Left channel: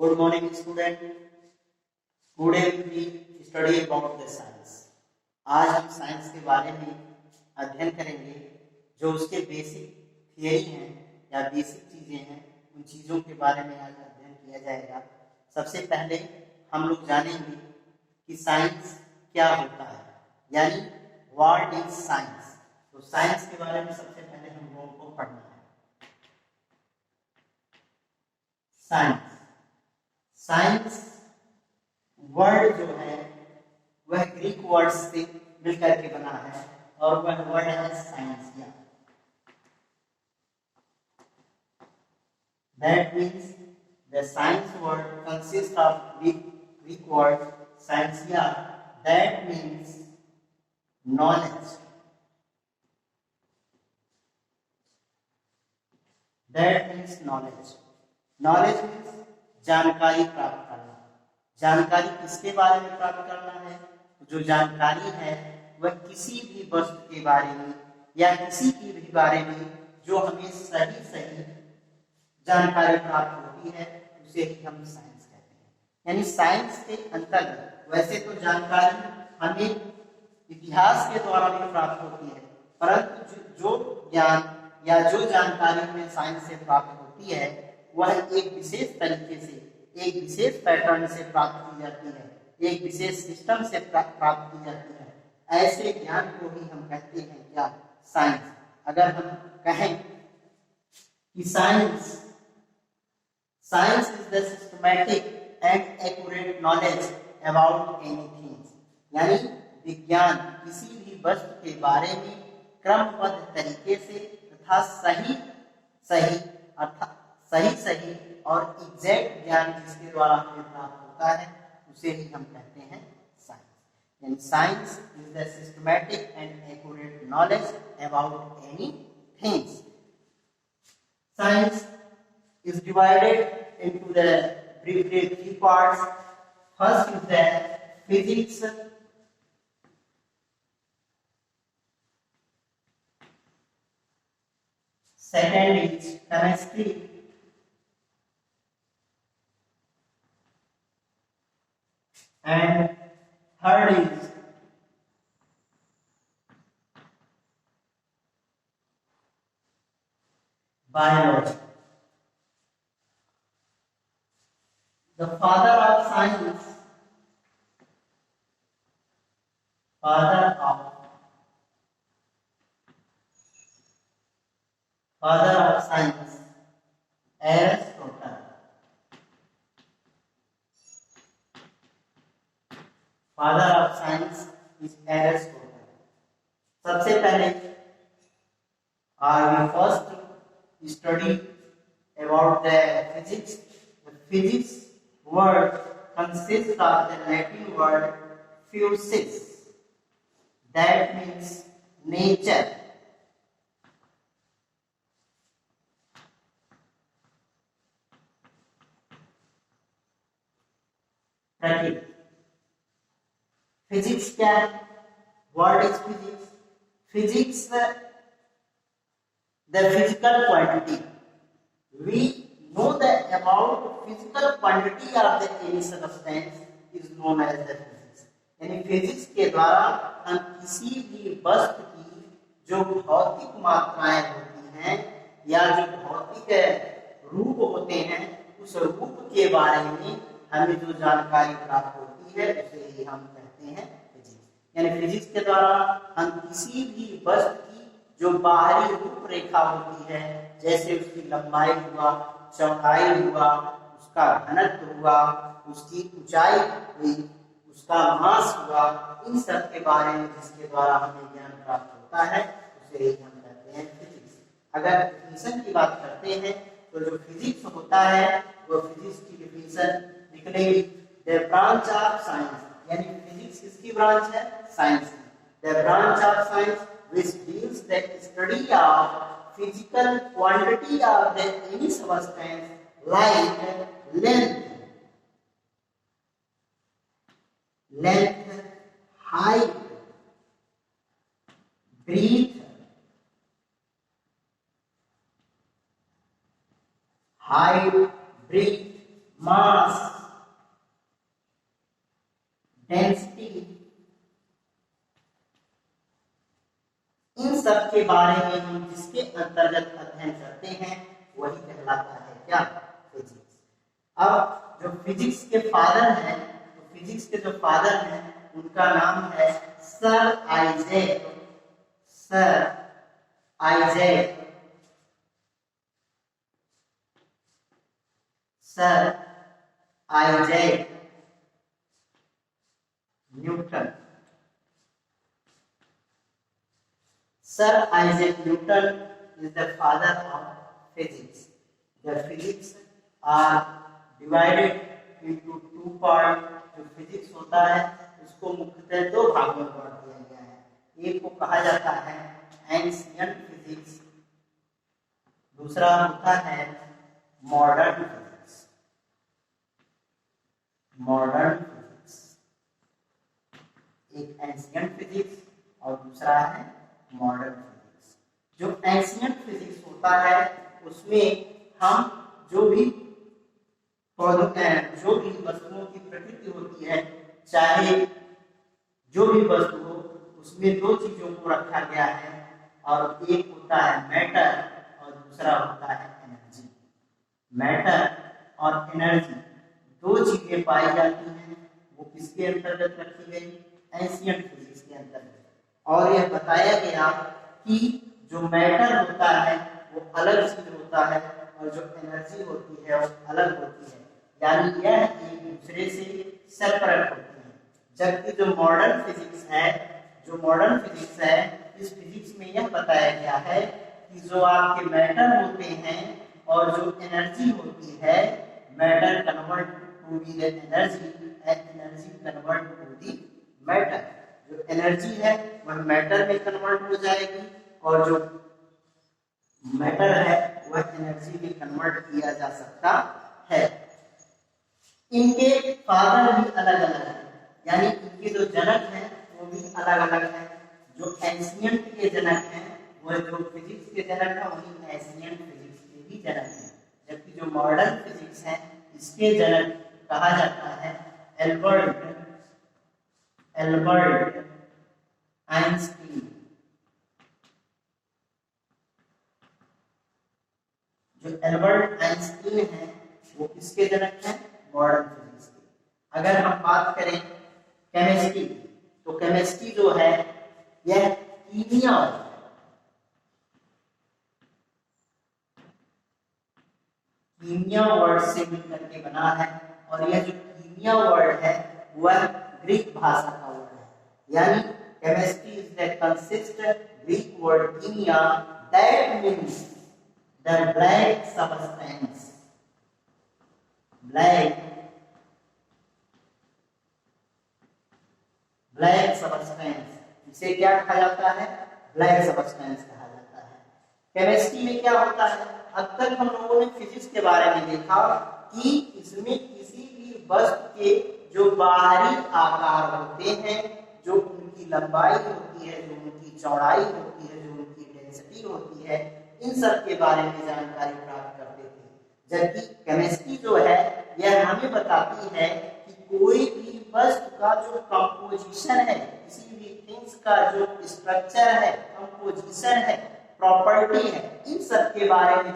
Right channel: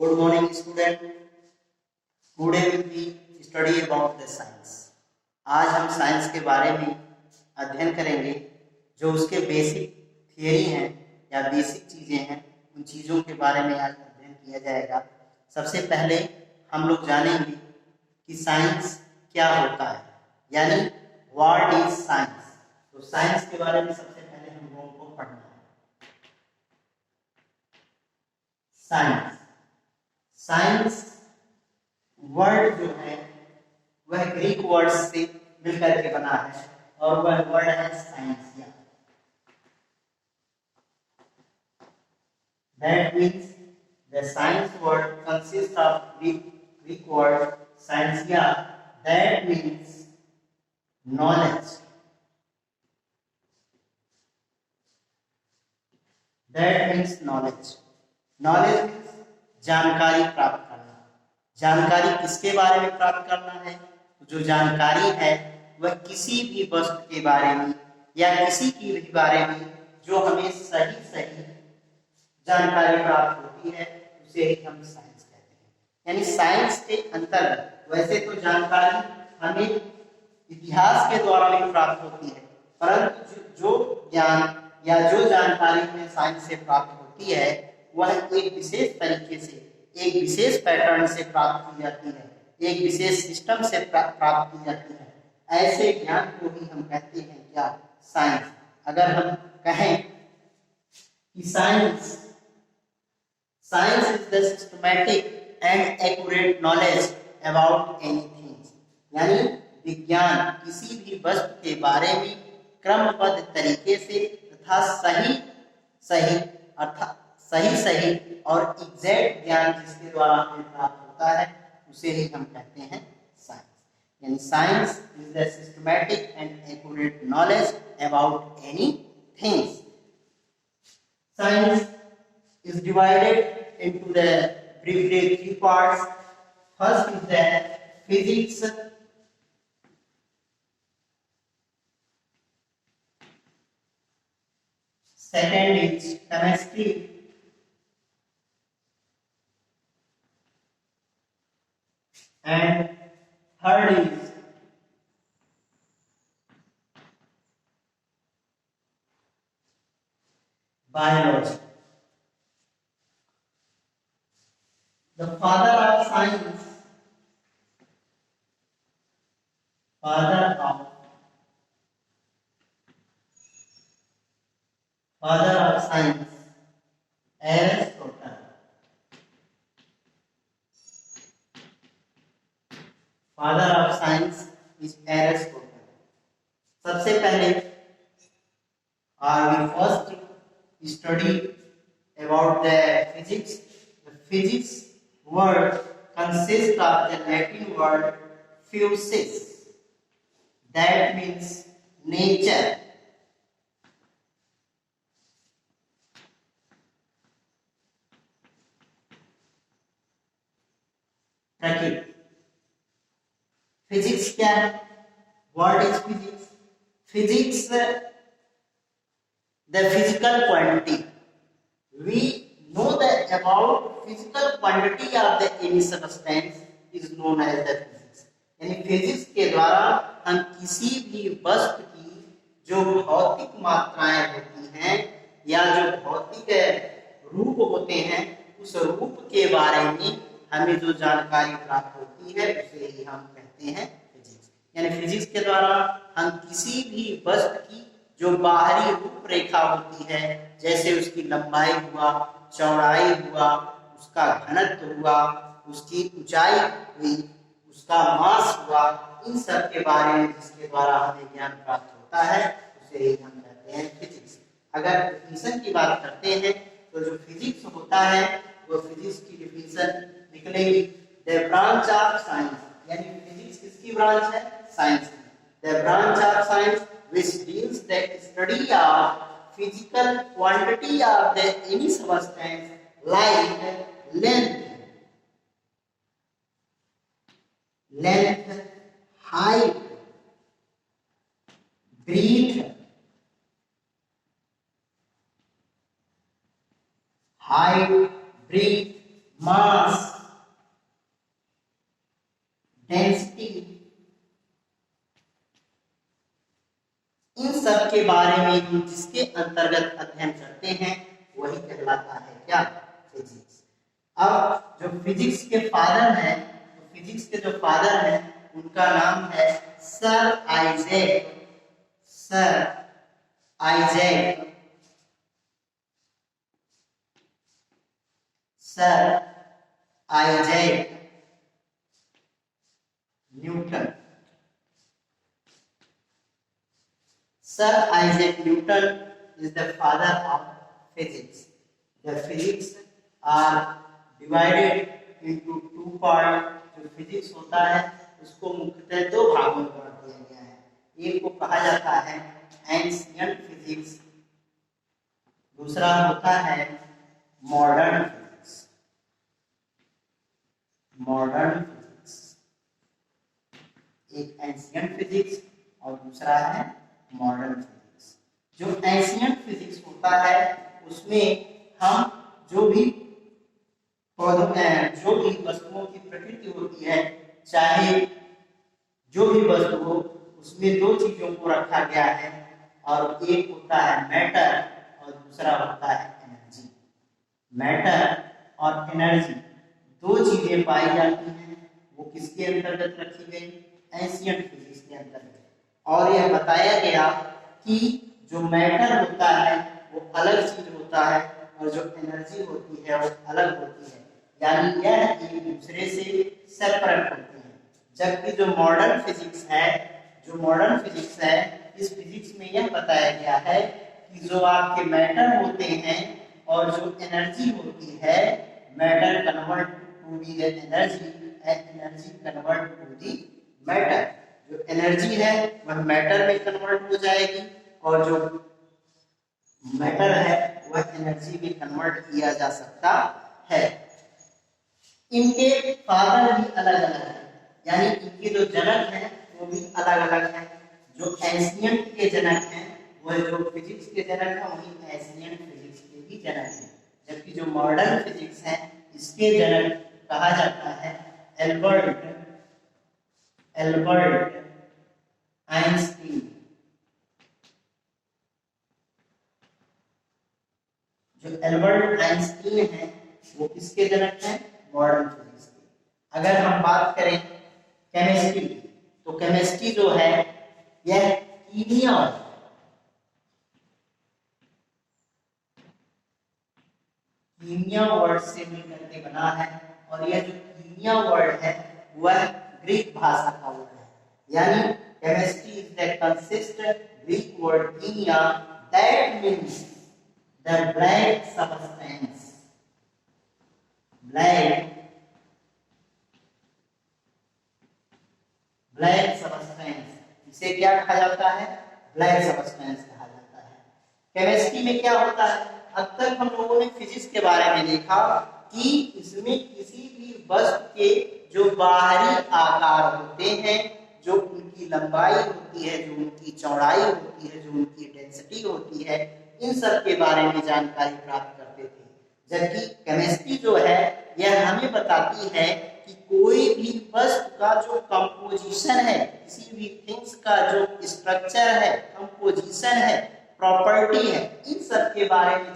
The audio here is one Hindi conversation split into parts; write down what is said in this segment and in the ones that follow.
Good morning, student. Today we will study about the science. आज हम साइंस के बारे में अध्ययन करेंगे जो उसके बेसिक थियरी हैं या बेसिक चीज़ें हैं, उन चीज़ों के बारे में आज अध्ययन किया जाएगा। सबसे पहले हम लोग जानेंगे कि साइंस क्या होता है, यानी व्हाट इज साइंस। तो साइंस के बारे में सबसे पहले हम लोगों को पढ़ना है। साइंस साइंस वर्ड जो है वह ग्रीक वर्ड से मिलकर के बना है और वह वर्ड है scientia. That means the science word consists of Greek word scientia. That means knowledge. That means knowledge. Knowledge means जानकारी प्राप्त करना। जानकारी किसके बारे में प्राप्त करना है? जो जानकारी है वह किसी भी वस्तु के बारे में या किसी की भी बारे में जो हमें सही जानकारी प्राप्त होती है उसे ही हम साइंस कहते हैं। यानी साइंस के अंतर्गत वैसे तो जानकारी हमें इतिहास के द्वारा भी प्राप्त होती है, परंतु जो ज्ञान या जो जानकारी हमें साइंस से प्राप्त होती है वह एक विशेष तरीके से, एक विशेष पैटर्न से प्राप्त की जाती है, एक विशेष सिस्टम से प्राप्त की जाती है। ऐसे ज्ञान को ही हम कहते हैं क्या? साइंस। अगर हम कहें कि science is the systematic and accurate knowledge about anything, यानी विज्ञान किसी भी वस्तु के बारे में क्रमबद्ध तरीके से तथा सही और एग्जैक्ट ज्ञान जिसके द्वारा हमें प्राप्त होता है उसे ही हम कहते हैं साइंस। यानी science is the systematic and accurate knowledge about any things. Science is divided into the briefly three parts. First is the physics, second is chemistry, and third is biology. The father of science, Aristotle. Father of science is Aristotle. सबसे पहले we first study about the physics. The physics word consists of the Latin word physis. That means nature. प्रकृति। फिजिक्स क्या है? What is physics? Physics, the physical quantity. We know that about physical quantity of the any substance is known as the physics. यानी फिजिक्स के द्वारा हम किसी भी वस्तु की जो भौतिक मात्राएं होती हैं या जो भौतिक रूप होते हैं उस रूप के बारे में हमें जो जानकारी प्राप्त होती है उसे ही हम कहते हैं फिजिक्स। यानी फिजिक्स के द्वारा हम किसी भी वस्तु की जो बाहरी रूपरेखा होती है, जैसे उसकी लंबाई हुआ, चौड़ाई हुआ, उसका घनत्व हुआ, उसकी ऊंचाई हुई, उसका मास हुआ, इन सब के बारे में जिसके द्वारा हमें ज्ञान प्राप्त होता है उसे ही हम कहते हैं फिजिक्स। अगर डिफिनेशन की बात करते हैं तो जो फिजिक्स होता है वो फिजिक्स की डिफिनेशन निकलेगी द ब्रांच ऑफ साइंस, यानी फिजिक्स किसकी ब्रांच है? साइंस की। The branch of science which deals the study of physical quantity of the any substance like length, height, breadth, mass, density, इन सब के बारे में हम जिसके अंतर्गत अध्ययन करते हैं वही कहलाता है क्या? फिजिक्स। अब जो फिजिक्स के फादर हैं, तो फिजिक्स के जो फादर हैं उनका नाम है sir Isaac Newton. Sir Isaac Newton is the father of physics. The physics are divided into two parts. जो फिजिक्स होता है उसको मुख्यतः दो भागों में बांट दिया गया है। एक को कहा जाता है एंशिएंट फिजिक्स, दूसरा होता है मॉडर्न फिजिक्स। एक एंशिएंट फिजिक्स और दूसरा है मॉडर्न फिजिक्स। जो एंशिएंट फिजिक्स होता है उसमें हम जो भी वस्तुओं की प्रकृति होती है, चाहे जो भी वस्तु हो, उसमें दो चीजों को रखा गया है और एक होता है मैटर और दूसरा होता है एनर्जी। मैटर और एनर्जी दो चीजें पाई जाती हैं, वो किसके अंतर्गत रखी गई? एंशिएंट फिजिक्स के अंतर्गत। और यह बताया गया कि जो मैटर होता है वो अलग चीज होता है और जो एनर्जी होती है वो अलग होती है, यानी यह एक दूसरे से सेपरेट होती है। जबकि जो मॉडर्न फिजिक्स है, इस फिजिक्स में यह बताया गया है कि जो आपके मैटर होते हैं और जो एनर्जी होती है, matter convert to the energy and energy convert to the matter. जो एनर्जी है वह मैटर में कन्वर्ट हो जाएगी और जो मैटर है वह एनर्जी में कन्वर्ट किया जा सकता है। इनके फादर भी अलग अलग हैं, यानी इनके जो जनक हैं वो भी अलग अलग हैं। जो एंशिएंट के जनक हैं वह जो फिजिक्स के जनक हैं वही एंशिएंट फिजिक्स के भी जनक हैं। जबकि जो मॉडर्न फिजिक्स है इसके जनक कहा जाता है एल्बर्ट आइंस्टीन। जो एल्बर्ट आइंस्टीन है वो किसके जनक हैं? मॉडर्न फिजिक्स के। अगर हम बात करें केमिस्ट्री, तो केमिस्ट्री जो है यह कीमिया वर्ड से मिलकर के बना है और यह जो कीमिया वर्ड है वह ग्रीक भाषा का वर्ड है, यानी chemistry is the consist Greek word kimiya that means the black substance. Black substance, इसे क्या कहा जाता है? ब्लैक सबस्टेंस कहा जाता है। केमिस्ट्री में क्या होता है? अब तक हम लोगों ने फिजिक्स के बारे में देखा कि इसमें किसी भी वस्तु के जो बाहरी आकार होते हैं, जो उनकी लंबाई होती है, जो उनकी चौड़ाई होती है, जो उनकी डेंसिटी होती है, इन सब के बारे में जानकारी प्राप्त करते थे। जबकि केमिस्ट्री जो है यह हमें बताती है कि कोई भी वस्तु का जो कंपोजिशन है, किसी भी थिंग्स का जो स्ट्रक्चर है, कंपोजिशन है, प्रॉपर्टी है, इन सब के बारे में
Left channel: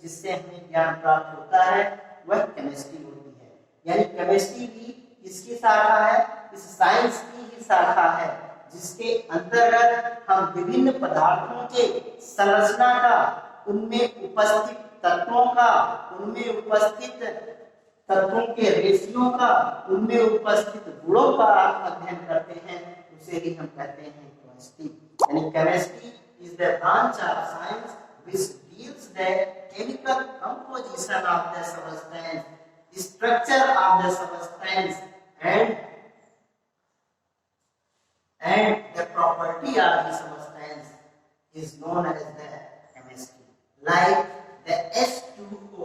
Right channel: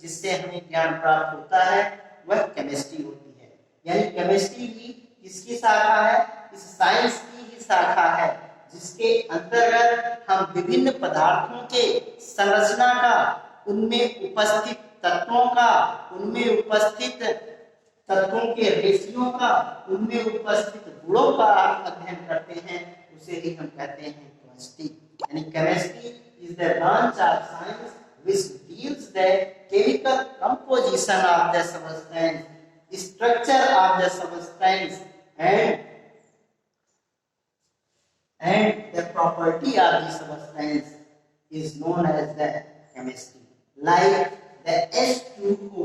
जिससे हमें ज्ञान प्राप्त होता है वह केमिस्ट्री होती है। यानी केमिस्ट्री भी किसकी शाखा है? इस साइंस की ही शाखा है जिसके अंतर्गत हम विभिन्न पदार्थों के संरचना का, उनमें उपस्थित तत्वों का, उनमें उपस्थित तत्वों के रेशियो का, उनमें उपस्थित गुणों का अध्ययन करते हैं, उसे ही हम कहते हैं केमिस्ट्री। यानी chemistry is the branch of science which deals the chemical composition of the substance, structure of the substance, and the property of the substance is known as the chemistry. Like the H2O.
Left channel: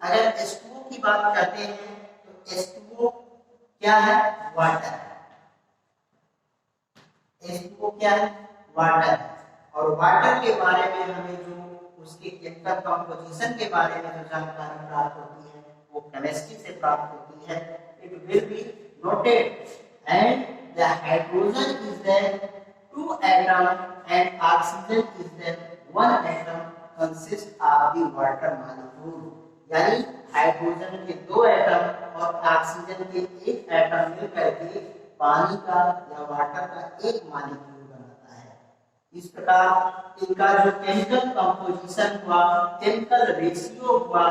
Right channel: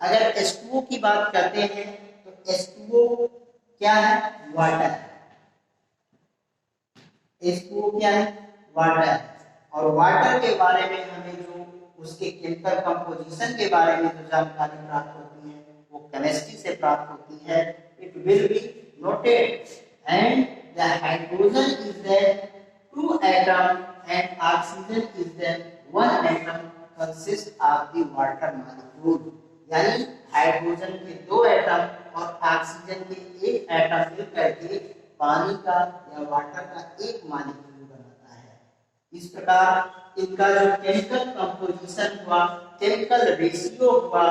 अगर H2O की बात करते हैं तो H2O क्या है? वाटर। H2O क्या है? वाटर। और वाटर के बारे में हमें जो उसके केमिकल कंपोजिशन के बारे में जो जानकारी प्राप्त होती है वो केमिस्ट्री से प्राप्त होती है। It will be noted and the hydrogen is the 2 atom and oxygen is the 1 atom consist of the water molecule. यानी हाइड्रोजन के 2 एटम और ऑक्सीजन के 1 एटम मिलकर के पानी का या वाटर का एक मॉलिक्यूल बनाता है। इस प्रकार इनका जो केमिकल कंपोजिशन हुआ, केमिकल रेशियो हुआ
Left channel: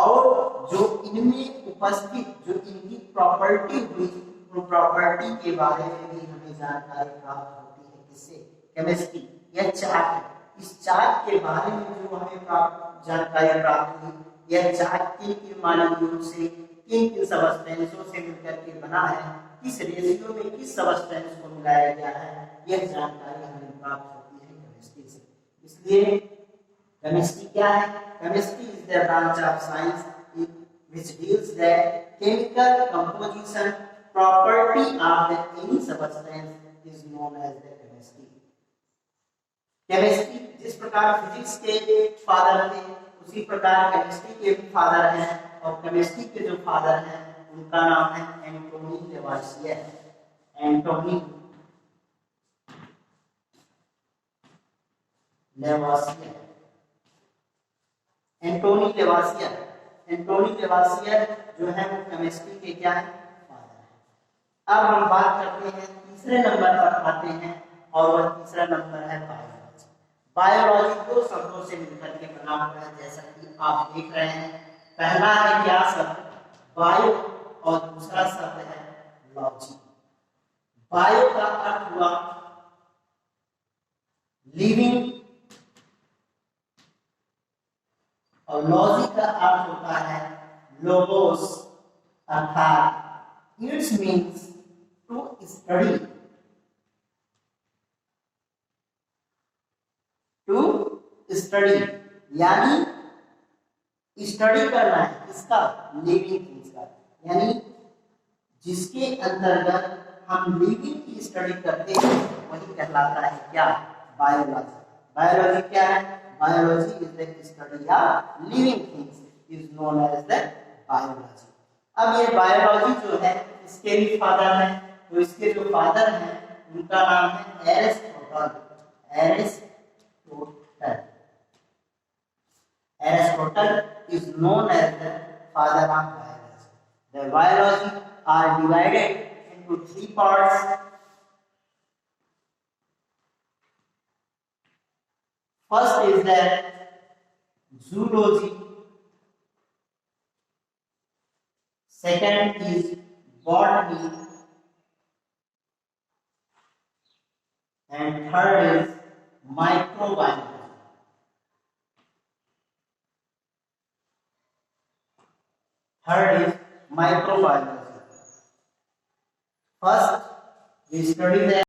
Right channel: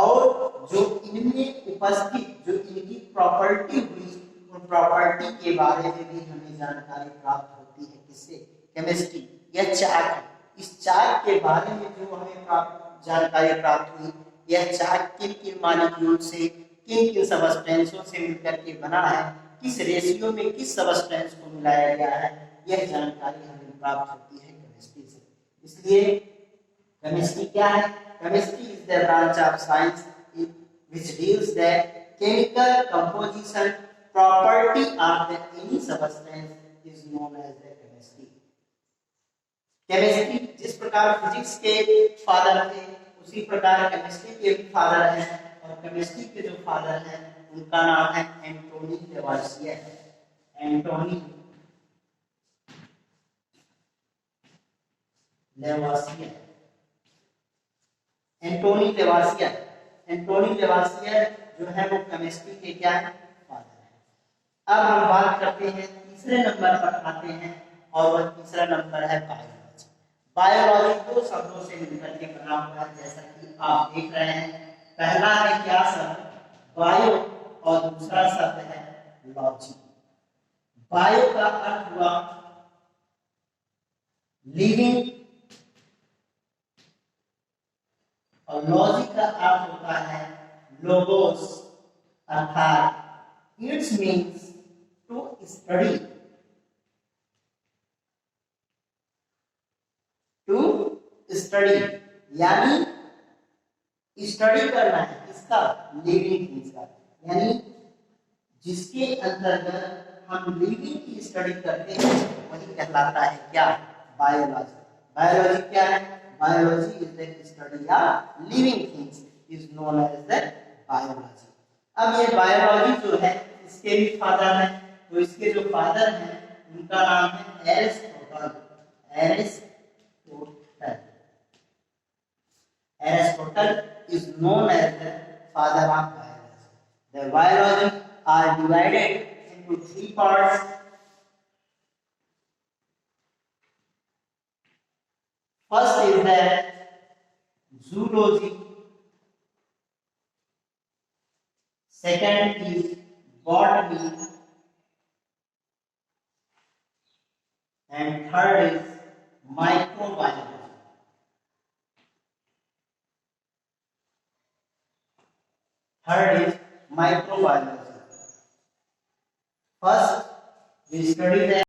और जो इनमें उपस्थित जो इनकी प्रॉपर्टी हुई, उन प्रॉपर्टी के बारे में भी हमें जानकारी प्राप्त होती है। किससे? केमिस्ट्री। यह चार्ट, इस चार्ट के बारे में जो हमें जानकारी प्राप्त हुई, यह चार्ट किन किन मॉलिक्यूल से, किन किन सबस्टेंसों से मिलकर के बना है, किस रेशियो में किस सबस्टेंस को मिलाया गया है, यह जानकारी हमें प्राप्त होती है केमिस्ट्री से। इसलिए केमिस्ट्री क्या है? Chemistry is the branch of science which deals the chemical composition property of the any substance is known as the chemistry. Chemistry जिस प्रकार फिजिक्स के फादर थे उसी प्रकार केमिस्ट्री के फादर हैं, और केमिस्ट्री के जो फादर हैं उनका नाम है एंटोनी लेवासियर। एंटोनी लेवासियर, एंटोनी लेवासियर। एंटोनी लेवासियर जो है वो केमिस्ट्री के क्या है? फादर है। अब हम बात करते हैं तीसरे नंबर पर आते हैं, और वह तीसरा नंबर है बायोलॉजी। बायोलॉजी 2 शब्दों से मिलकर के बना हुआ है, जैसा कि आप देख रहे हैं। पहला है क्या शब्द? बायो, और दूसरा शब्द है लॉजी। बायो का अर्थ हुआ लिविंग, और लॉजी का अर्थ होता है लोगोस, अर्थात it's means to study, to study, यानी स्टडी करना है किसका? लिविंग थिंग्स का। यानी जिसके अंतर्गत हम लिविंग की स्टडी करते हैं वही कहलाता है क्या? बायोलॉजी। बायोलॉजी क्या है? Biology is the study of living things, is known as the biology. अब ये बायोलॉजी जो है इसके भी फादर हैं, तो इसके जो फादर हैं उनका नाम है Aristotle. Aristotle, Aristotle is known as the father of biology. The biology are divided into 3 parts. First is the zoology, second is botany, and third is microbiology. Third is microbiology. First, we study the